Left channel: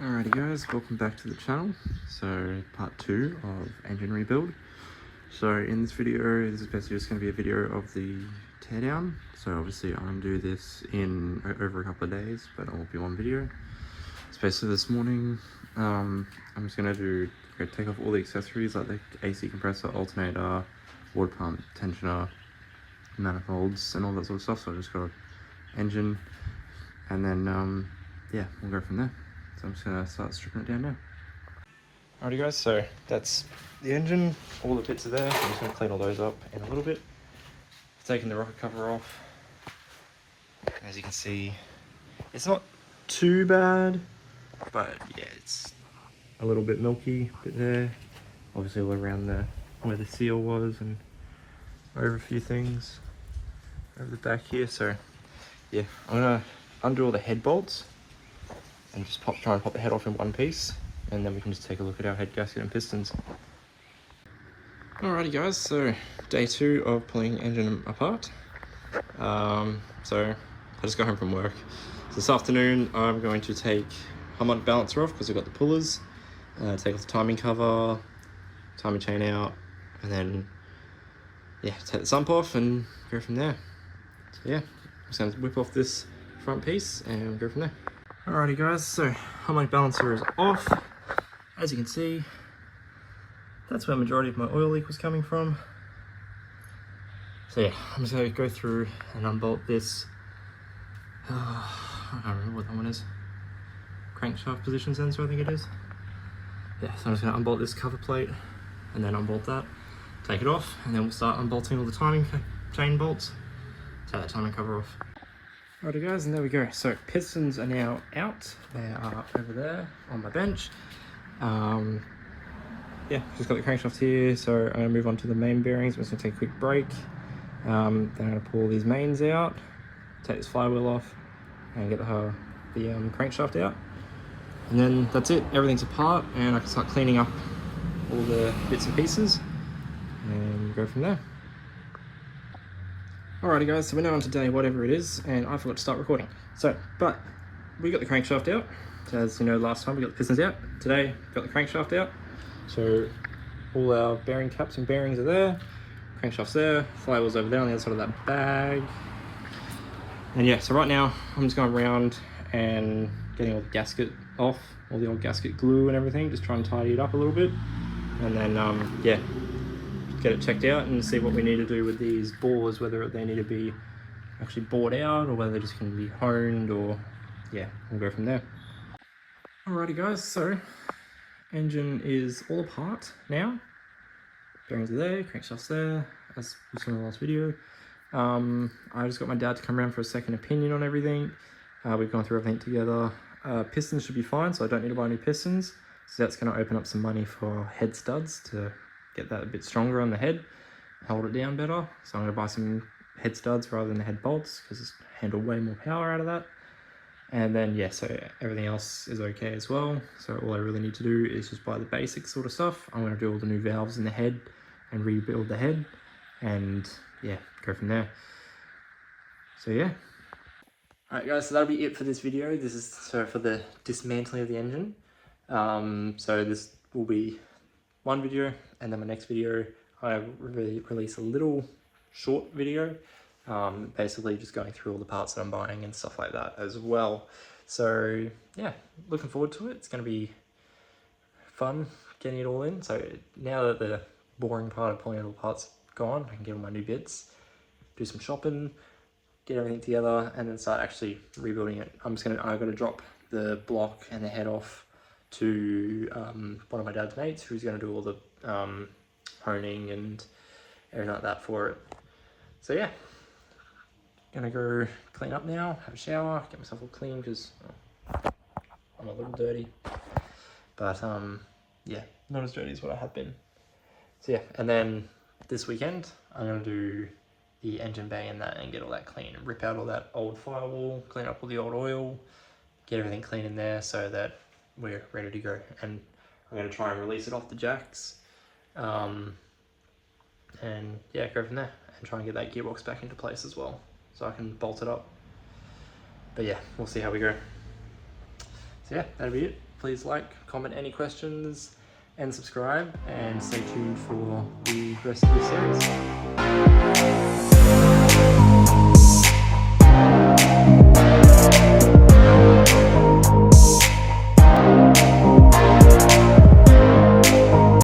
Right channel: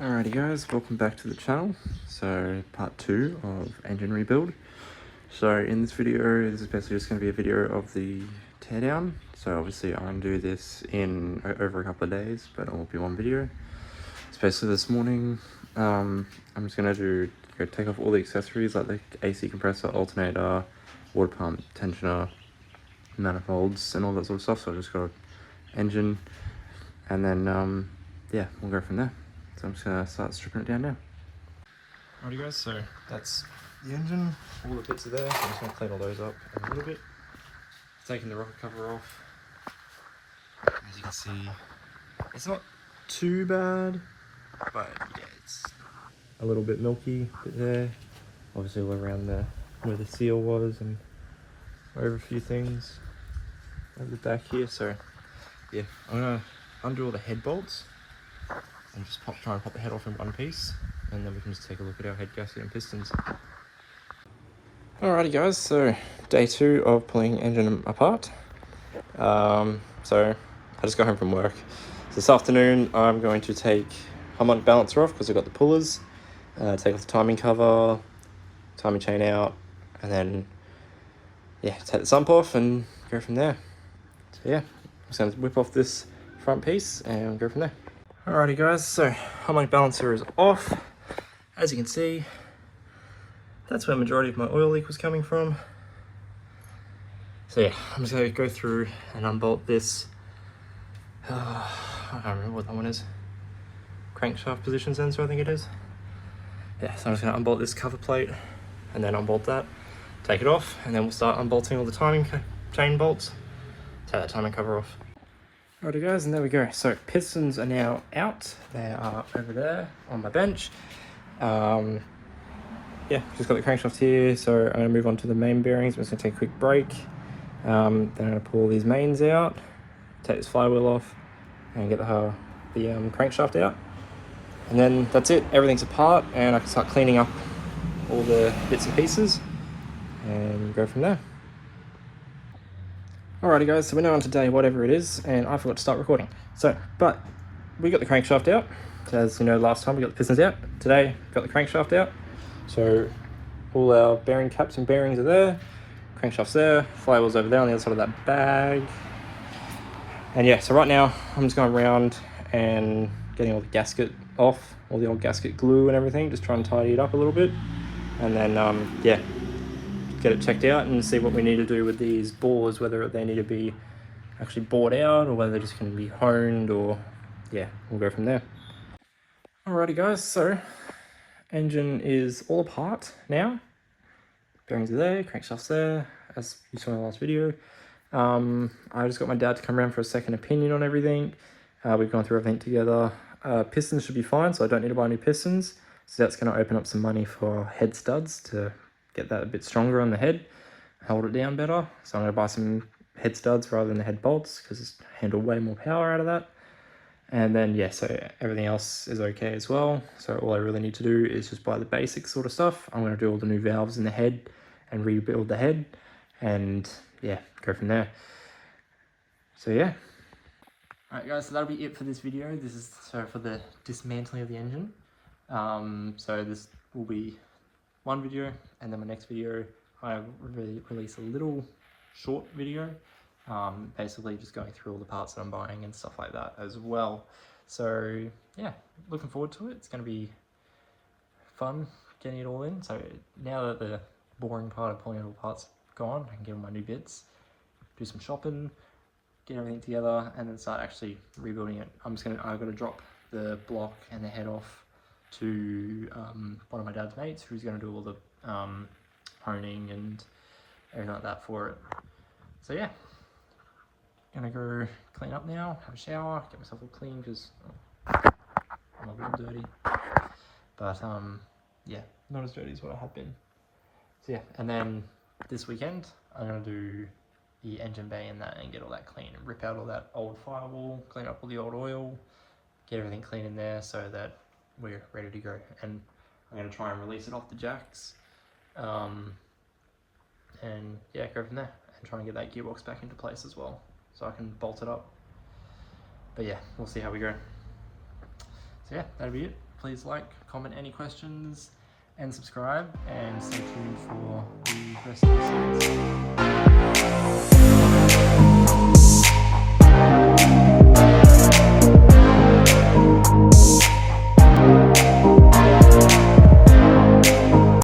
Alrighty guys, welcome back to the channel. So part 2 of engine rebuild. So in this video, this is basically just going to be a video of the teardown. So obviously I'm going to do this in over a couple of days, but it won't be one video. It's basically this morning, I'm just going to take off all the accessories like the AC compressor, alternator, water pump, tensioner, manifolds and all that sort of stuff. So I just got engine and then yeah, we'll go from there. So I'm just going to start stripping it down now. Alrighty guys, so that's the engine, all the bits are there. I'm just going to clean all those up in a little bit. Taking the rocker cover off. As you can see, it's not too bad, but yeah, it's a little bit milky bit there. Obviously all around where the seal was and over a few things over the back here. So yeah, I'm going to undo all the head bolts and just try and pop the head off in one piece, and then we can just take a look at our head gasket and pistons. Alrighty guys, so day 2 of pulling engine apart. So I just got home from work. So this afternoon I'm going to take harmonic balancer off because I've got the pullers, take off the timing cover, timing chain out, and then yeah, take the sump off and go from there. So yeah, I'm just going to whip off this front piece and go from there. Alrighty guys, so harmonic balancer is off. As you can see, that's where the majority of my oil leak was coming from. So yeah, I'm just going to go through and unbolt this, I don't remember what that one is, crankshaft position sensor I think it is. Yeah, so I'm just going to unbolt this cover plate and then unbolt that, take it off, and then we'll start unbolting all the timing chain bolts, take that timing cover off. Alrighty guys, and there we go. So pistons are now out. They are over there on my bench. Yeah, just got the crankshaft here. So I'm gonna move on to the main bearings. I'm just gonna take a quick break. Then I'm gonna pull these mains out, take this flywheel off, and get the crankshaft out. And then that's it. Everything's apart, and I can start cleaning up all the bits and pieces, and go from there. Alrighty guys, so we're now on to day whatever it is, and I forgot to start recording. So, but we got the crankshaft out. So as you know, last time we got the pistons out. Today, got the crankshaft out. So all our bearing caps and bearings are there. Crankshaft's there, flywheel's over there on the other side of that bag. And yeah, so right now, I'm just going around and getting all the gasket off, all the old gasket glue and everything, just trying to tidy it up a little bit. And then, yeah, get it checked out and see what we need to do with these bores, whether they need to be actually bored out or whether they just can be honed, or yeah, we'll go from there. Alrighty guys, so engine is all apart now. Bearings are there, crankshaft's there, as you saw in the last video. I just got my dad to come around for a second opinion on everything. We've gone through everything together. Pistons should be fine, so I don't need to buy new pistons. So that's going to open up some money for head studs to get that a bit stronger on the head, hold it down better. So I'm going to buy some head studs rather than the head bolts because it's handle way more power out of that. And then yeah, so everything else is okay as well. So all I really need to do is just buy the basic sort of stuff. I'm going to do all the new valves in the head and rebuild the head, and yeah, go from there. So yeah. Alright guys, so that'll be it for this video. This is for the dismantling of the engine. So this will be one video, and then my next video I release a little short video, basically just going through all the parts that I'm buying and stuff like that as well. So yeah, looking forward to it. It's going to be fun getting it all in. So now that the boring part of pulling out all the parts gone, I can get all my new bits, do some shopping, get everything together, and then start actually rebuilding it. I've got to drop the block and the head off to one of my dad's mates, who's going to do all the honing and everything like that for it. So yeah, gonna go clean up now, have a shower, get myself all clean because I'm a little dirty, but yeah, not as dirty as what I have been. So yeah, and then this weekend I'm gonna do the engine bay and that and get all that clean and rip out all that old firewall, clean up all the old oil, get everything clean in there so that we're ready to go. And I'm going to try and release it off the jacks, and yeah, go from there and try and get that gearbox back into place as well so I can bolt it up. But yeah, we'll see how we go. So yeah, that'll be it. please like, comment any questions, and subscribe, and stay tuned for the rest of the series.